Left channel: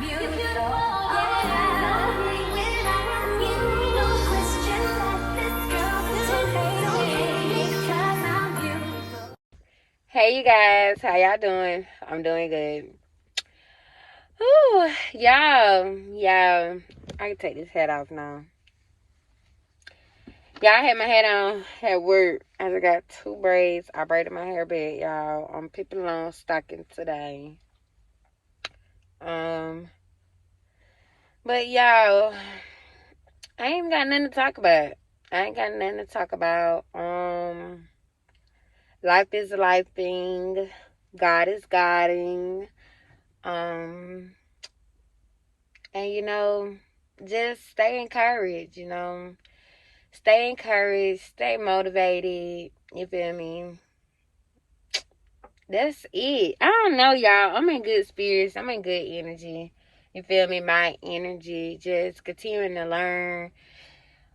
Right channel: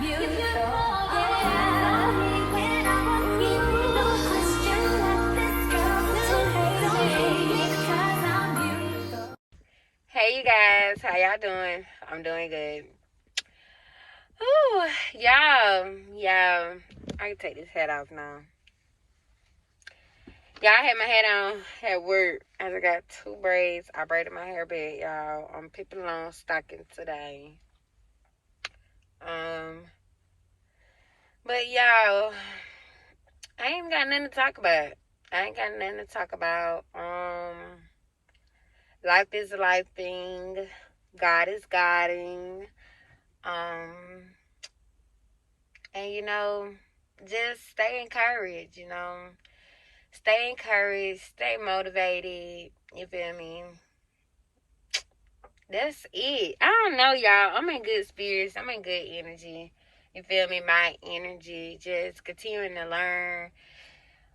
Hey you guys, how y'all doing? I'm doing good. Ooh, y'all, I can take this hat off now. Y'all, I had my hat on at work. I just got 2 braids. I braided my hair back, y'all. I'm peeping along stocking today. But y'all, I ain't got nothing to talk about. Life is a life thing. God is Godding. And just stay encouraged, Stay encouraged, stay motivated. You feel me? That's it. I don't know, y'all. I'm in good spirits. I'm in good energy. You feel me? My energy. Just continuing to learn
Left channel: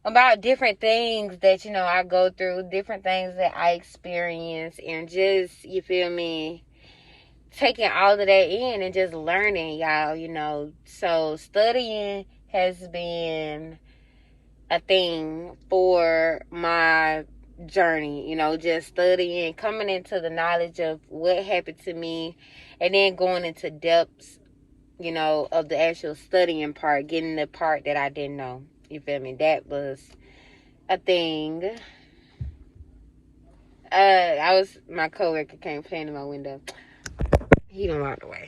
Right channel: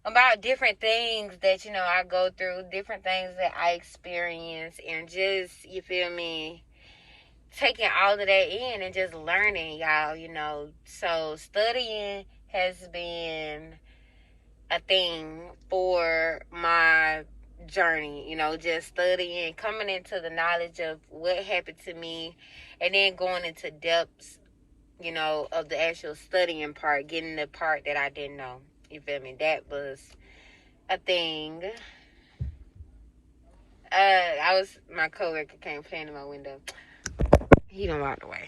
about different things that, I go through, different things that I experience, and just, you feel me, taking all of that in and just learning, y'all. So studying has been a thing for my journey, just studying, coming into the knowledge of what happened to me, and then going into depths, of the actual studying part, getting the part that I didn't know. You feel me? That was a thing. My coworker came playing in my window. He done walked away.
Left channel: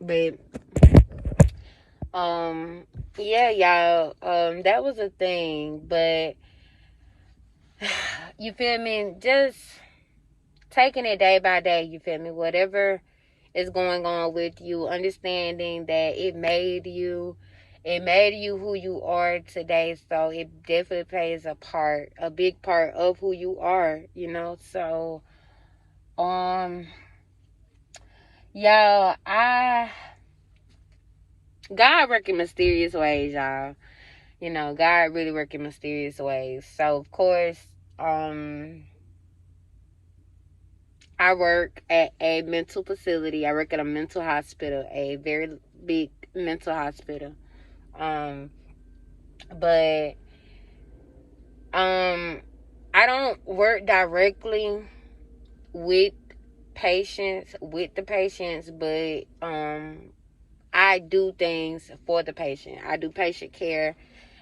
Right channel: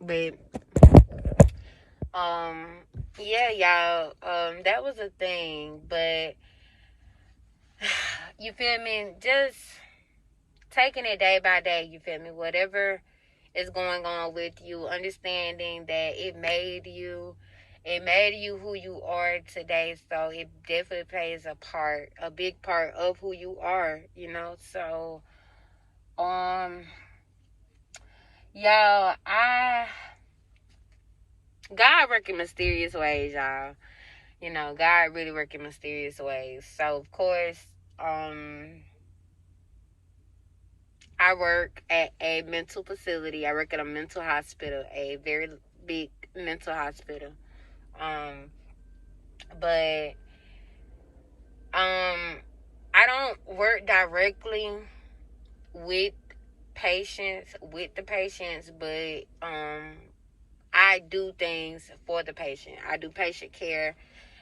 But yeah, y'all, that was a thing. But you feel me? Just taking it day by day, you feel me? Whatever is going on with you, understanding that it made you who you are today. So it definitely plays a big part of who you are, So, y'all, God work in mysterious ways, y'all. God really work in mysterious ways. So, of course, I work at a mental facility. I work at a mental hospital, a very big mental hospital. But I don't work directly with the patients, but I do things for the patient. I do patient care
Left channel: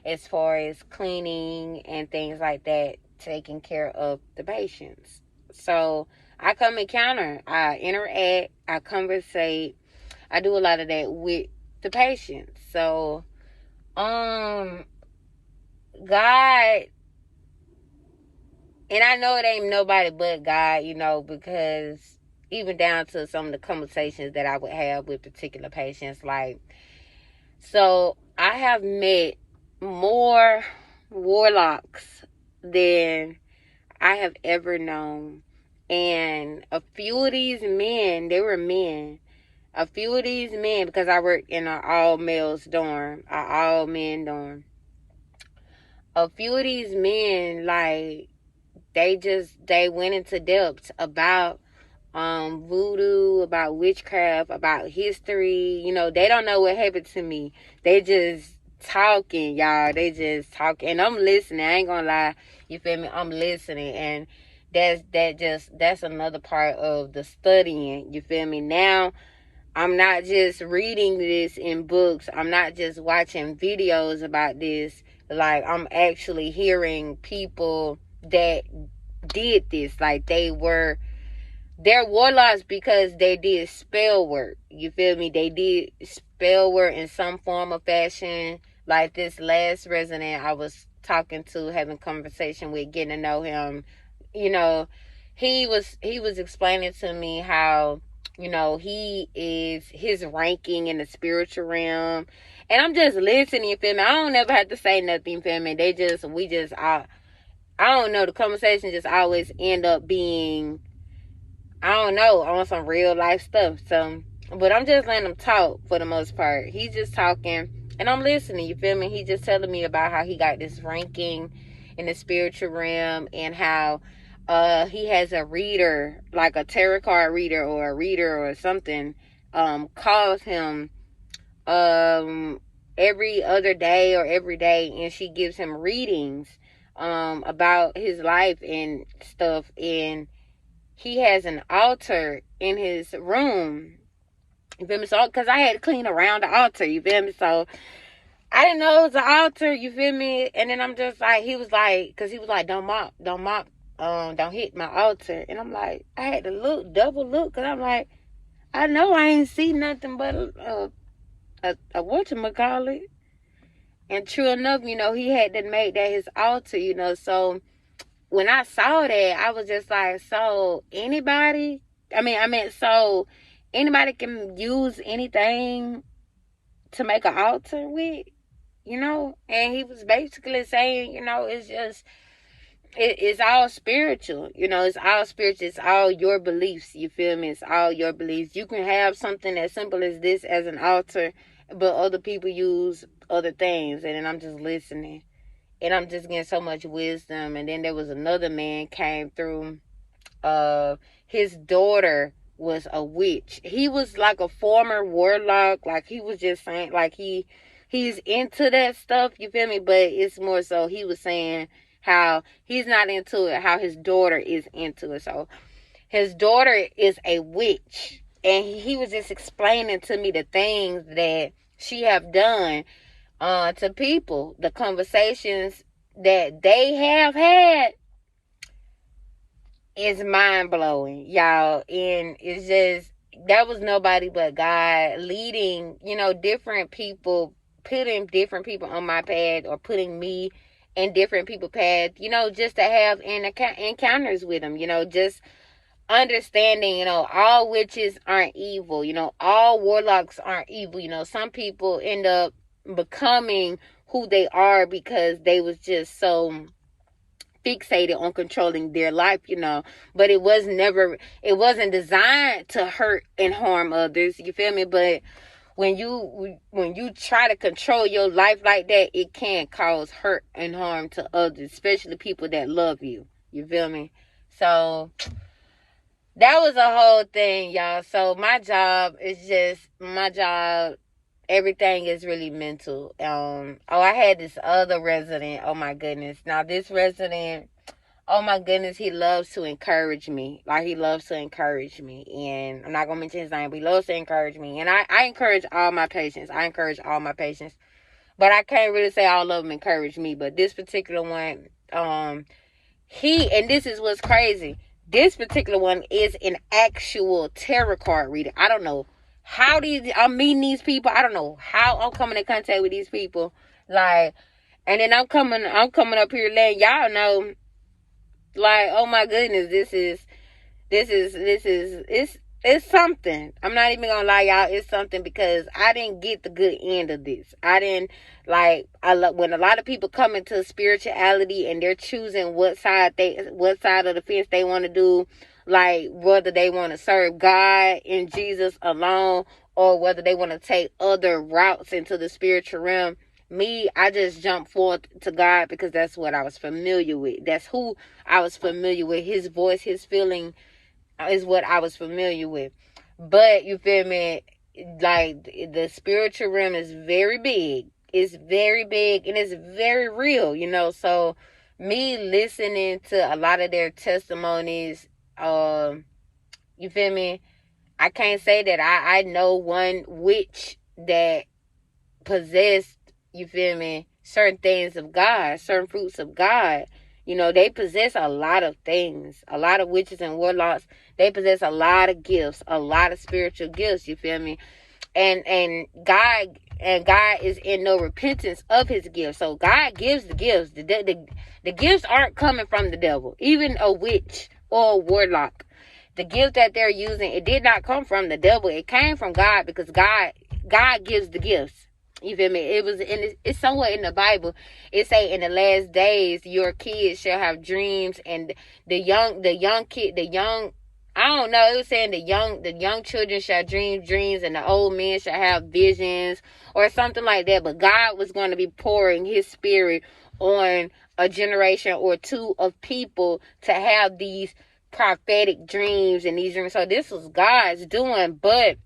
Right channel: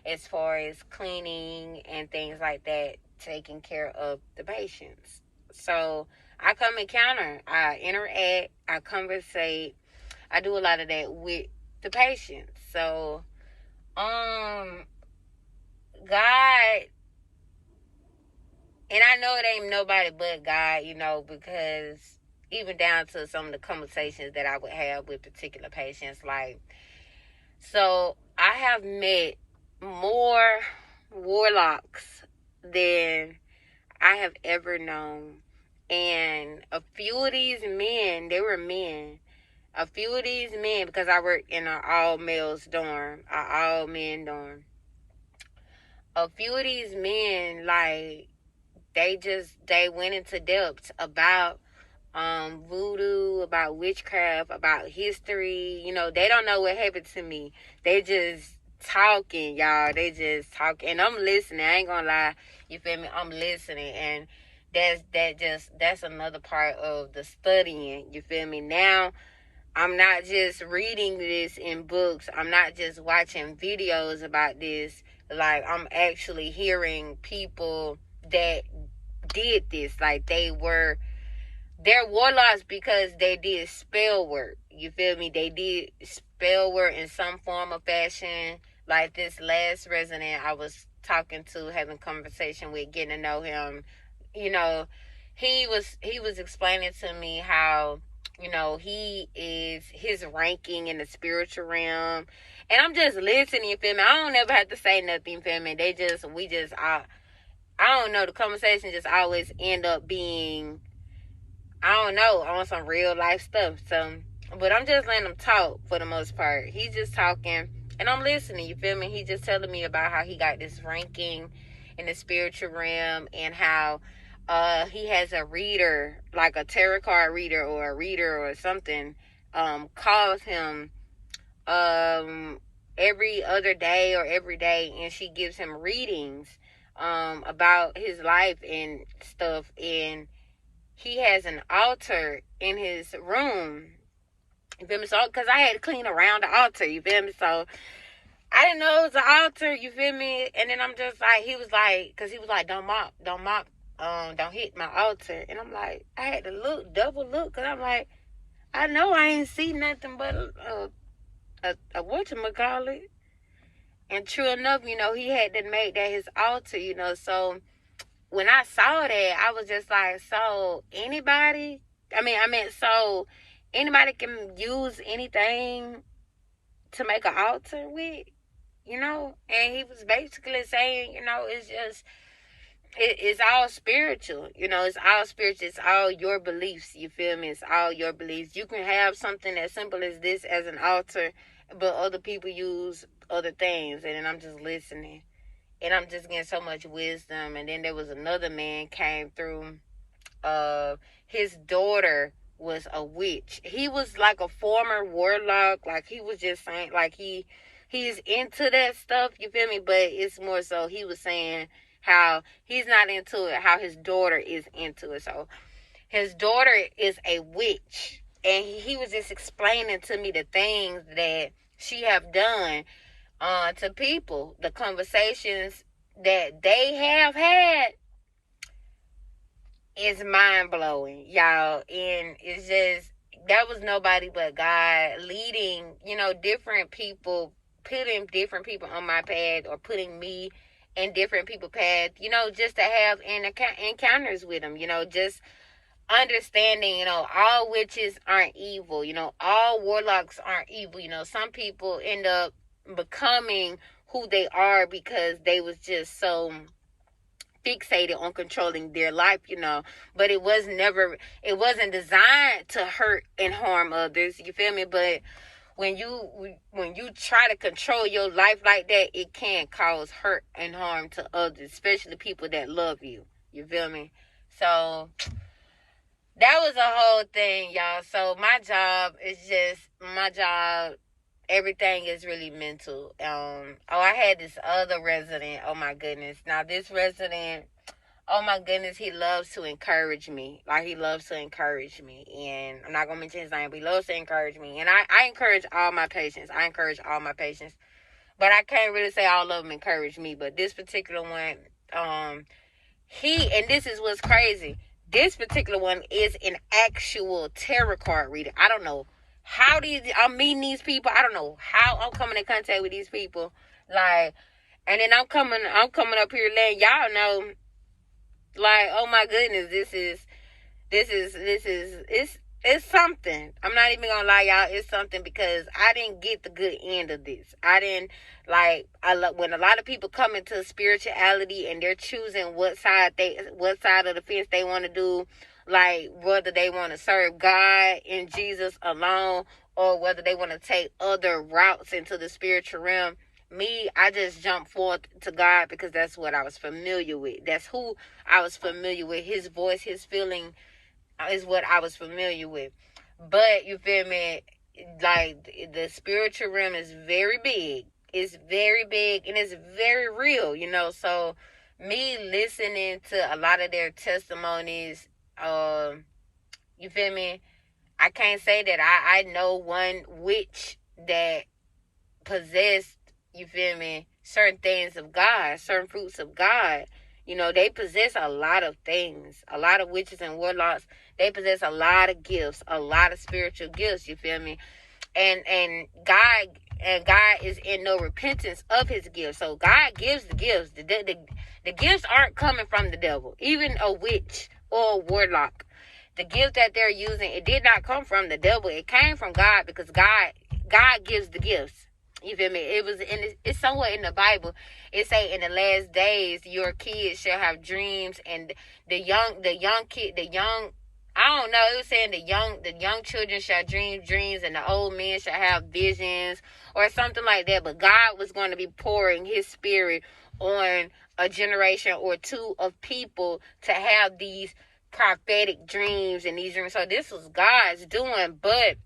as far as cleaning and things like that, taking care of the patients. So I come encounter, I interact, I conversate, I do a lot of that with the patients. So, God, and I know it ain't nobody but God, because even down to some of the conversations that I would have with particular patients, so I have met more warlocks than I have ever known. And a few of these men, they were men. A few of these men, because I work in an all-males dorm, an all-men dorm. A few of these men, they went into depths about voodoo, about witchcraft, about history. They don't know what happened to me. They just talking, y'all. They just talking, and I'm listening. I ain't gonna lie. You feel me? I'm listening, and that's another part of the studying. You feel me? Now, I'm not just reading this in books. I'm not just watching videos about this. I'm actually hearing people that did this. They're warlocks because they did spell work. You feel me? They did spell work in some form or fashion. Like this last resident I was talking to, having conversation with, getting to know him. He was explaining to me how, he is his ranking in the spiritual realm. And I'm just listening, you feel me? I don't ever have to say nothing, you feel me? I don't know, the conversation just always end up being, I don't know, on some real life stuff. So, but I'm just letting him talk for the most part. He's just talking and I'm listening, you feel me? He just telling me about how he got this ranking in the spiritual realm, and how he has a reader, like a tarot card reader or a reader or something, calls him every other day or every day, and she gives him readings about his life and stuff. And he has an altar in his room. You feel me? So, because I had to clean around the altar, you feel me? So, I didn't know it was an altar, you feel me? And then I'm just like, he was like, because he was like, don't mop, don't hit my altar. And I'm like, I had to look, double look, because I'm like, I know I ain't see nothing but a whatchamacallit. And true enough, he had to make that his altar, so when I saw that, I was just like, so anybody, so anybody can use anything to make an altar with, and he was basically saying, it's just, it's all spiritual, it's all spiritual, it's all your beliefs, you feel me? It's all your beliefs. You can have something as simple as this as an altar, but other people use other things, and then I'm just listening. And I'm just getting so much wisdom. And then there was another man came through. His daughter was a witch. He was like a former warlock. Like, he was just saying, like, he's into that stuff, you feel me? But it's more so he was saying how he's not into it, how his daughter is into it. So his daughter is a witch. And he was just explaining to me the things that she have done to people, the conversations that they have had is mind-blowing, y'all. And it's just, that was nobody but God leading, different people, putting different people on my path, or putting me in different people's path, just to have encounters with them, just understanding, all witches aren't evil, all warlocks aren't evil. Some people end up becoming who they are because they was just so fixated on controlling their life, but it wasn't designed to hurt and harm others, you feel me? But when you try to control your life like that, it can cause hurt and harm to others, especially people that love you, you feel me? So that was a whole thing, y'all. So my job, everything is really mental. I had this other resident. Oh my goodness. Now this resident, oh my goodness, he loves to encourage me. Like, he loves to encourage me. And I'm not gonna mention his name, but he loves to encourage me. And I encourage all my patients. But I can't really say all of them encourage me. But this particular one, and this is what's crazy. This particular one is an actual tarot card reader. I don't know how I'm meeting these people. I don't know how I'm coming in contact with these people. Like, and then I'm coming up here letting y'all know, like, oh my goodness, it's something. I'm not even gonna lie, y'all, it's something, because I didn't get the good end of this. When a lot of people come into spirituality and they're choosing what side of the fence they want to do, like whether they want to serve God and Jesus alone, or whether they want to take other routes into the spiritual realm. Me, I just jumped forth to God because that's what I was familiar with. That's who I was familiar with. His voice, his feeling is what I was familiar with. But you feel me? Like, the spiritual realm is very big. It's very big and it's very real, So me listening to a lot of their testimonies, you feel me? I can't say that I know one witch that possessed, you feel me, certain things of God, certain fruits of God. They possess a lot of things. A lot of witches and warlocks, they possess a lot of gifts, a lot of spiritual gifts, you feel me? And God is in no repentance of his gifts. So God gives the gifts. The gifts aren't coming from the devil. Even a witch or a warlock, the gift that they're using, it did not come from the devil. It came from God, because God gives the gifts. You feel me? It's somewhere in the Bible. It say, in the last days, your kids shall have dreams, and I don't know. It was saying the young children shall dream dreams, and the old men shall have visions, or something like that. But God was going to be pouring his spirit on a generation or two of people to have these prophetic dreams and these dreams. So this was God's doing. But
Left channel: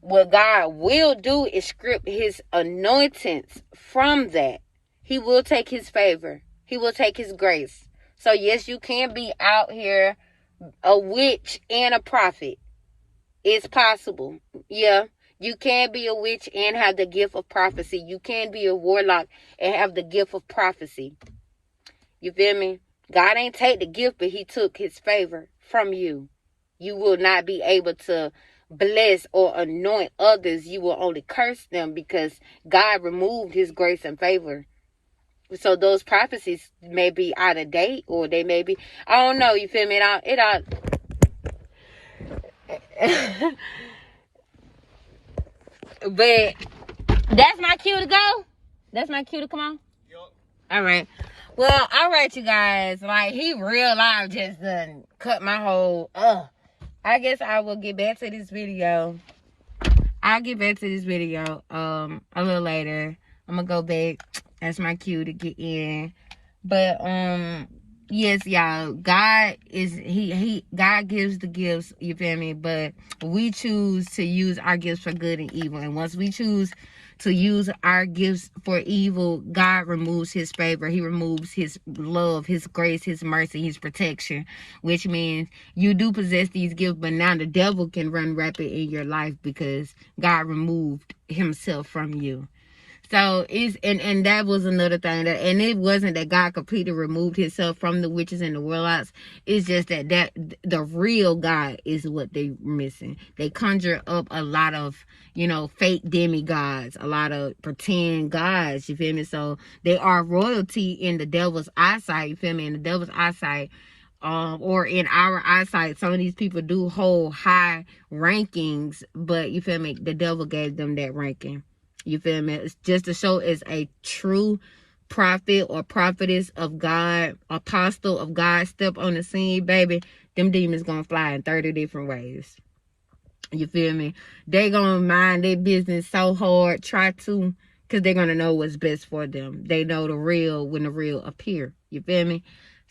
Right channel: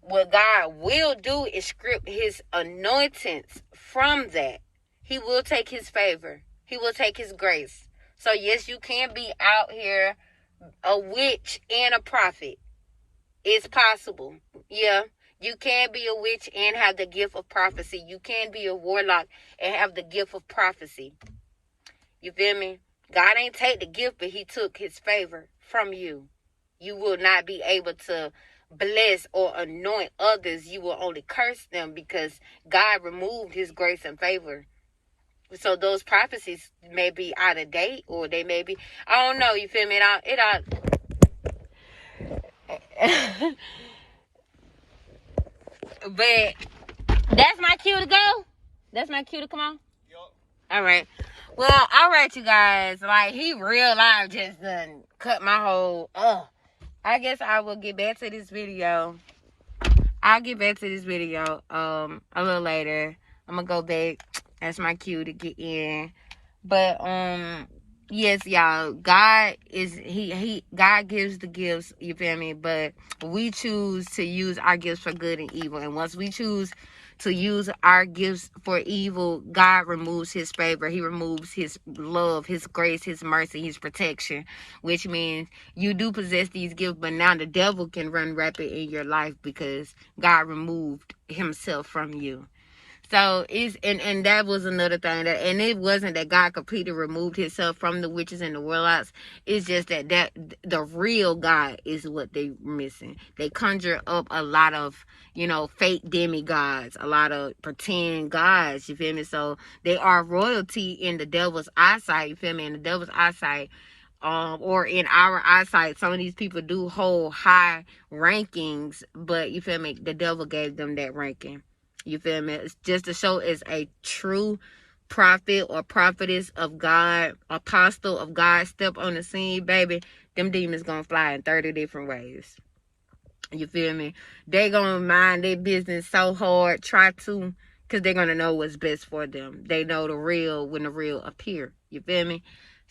what God will do is script his anointings from that. He will take his favor. He will take his grace. So yes, you can be out here a witch and a prophet. It's possible. Yeah. You can be a witch and have the gift of prophecy. You can be a warlock and have the gift of prophecy. You feel me? God ain't take the gift, but he took his favor from you. You will not be able to bless or anoint others. You will only curse them because God removed his grace and favor. So those prophecies may be out of date, or they may be, I don't know, you feel me? But that's my cue to go. That's my cue to come on. Yup. All right. Well, all right, you guys. Like, he real life just done cut my whole. I guess I will get back to this video. I'll get back to this video a little later. I'm gonna go back. That's my cue to get in. But yes, y'all, God is God gives the gifts, you feel me? But we choose to use our gifts for good and evil. And once we choose to use our gifts for evil, God removes his favor. He removes his love, his grace, his mercy, his protection, which means you do possess these gifts, but now the devil can run rapid in your life because God removed himself from you. So it's and that was another thing, that and it wasn't that God completely removed himself from the witches and the warlocks. It's just that the real God is what they missing. They conjure up a lot of, you know, fake demigods, a lot of pretend gods, you feel me? So they are royalty in the devil's eyesight, you feel me? In the devil's eyesight, or in our eyesight, some of these people do hold high rankings, but you feel me? The devil gave them that ranking. You feel me? It's just to show as a true prophet or prophetess of God, apostle of God, step on the scene, baby, them demons gonna fly in 30 different ways. You feel me? They gonna mind their business so hard, try to, because they're gonna know what's best for them. They know the real when the real appear. You feel me?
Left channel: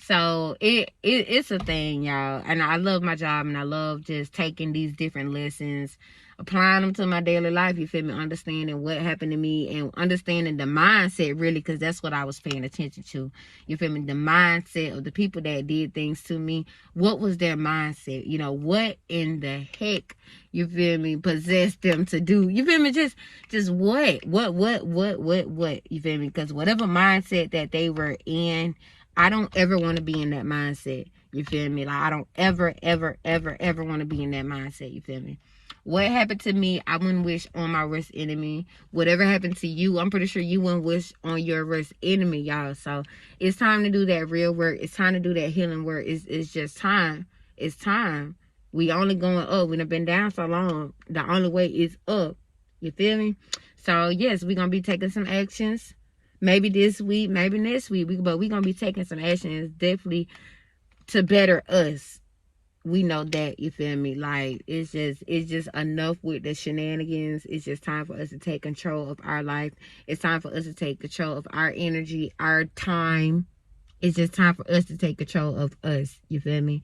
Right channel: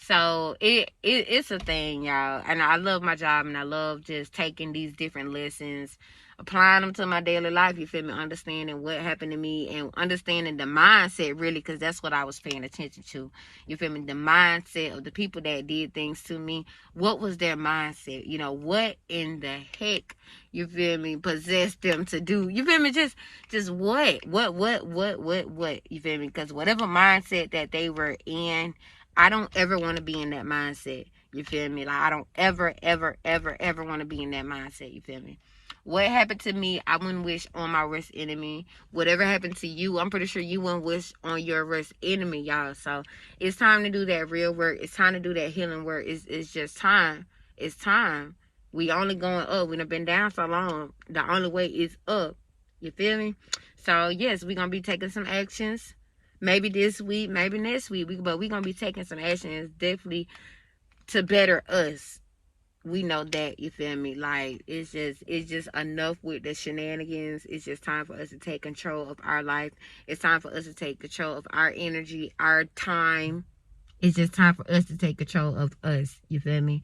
So it's a thing, y'all. And I love my job, and I love just taking these different lessons, applying them to my daily life, you feel me? Understanding what happened to me and understanding the mindset, really, because that's what I was paying attention to. You feel me? The mindset of the people that did things to me. What was their mindset? You know, what in the heck, you feel me, possessed them to do? You feel me? Just what? You feel me? Because whatever mindset that they were in, I don't ever want to be in that mindset. You feel me? Like, I don't ever want to be in that mindset. You feel me? What happened to me, I wouldn't wish on my worst enemy. Whatever happened to you, I'm pretty sure you wouldn't wish on your worst enemy, y'all. So it's time to do that real work. It's time to do that healing work. It's just time. It's time. We only going up. We done been down so long. The only way is up. You feel me? So yes, we're gonna be taking some actions. Maybe this week, maybe next week. But we're gonna be taking some actions definitely to better us. We know that, you feel me? Like, it's just enough with the shenanigans. It's just time for us to take control of our life. It's time for us to take control of our energy, our time. It's just time for us to take control of us. You feel me?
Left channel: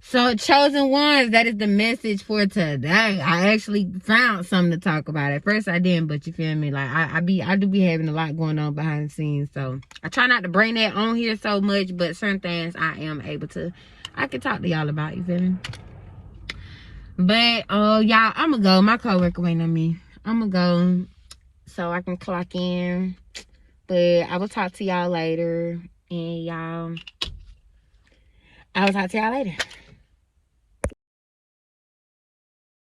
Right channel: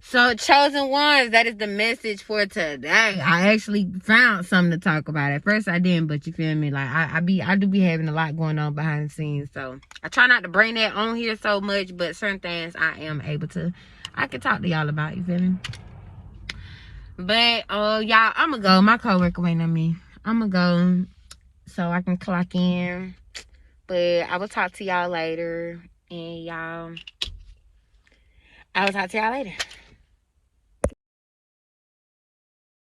So, chosen ones, that is the message for today. I actually found something to talk about. At first I didn't, but you feel me? Like, I do be having a lot going on behind the scenes. So I try not to bring that on here so much, but certain things I can talk to y'all about, you feel me? But y'all, I'ma go. My coworker waiting on me. I'ma go so I can clock in. But I will talk to y'all later. And y'all, I will talk to y'all later.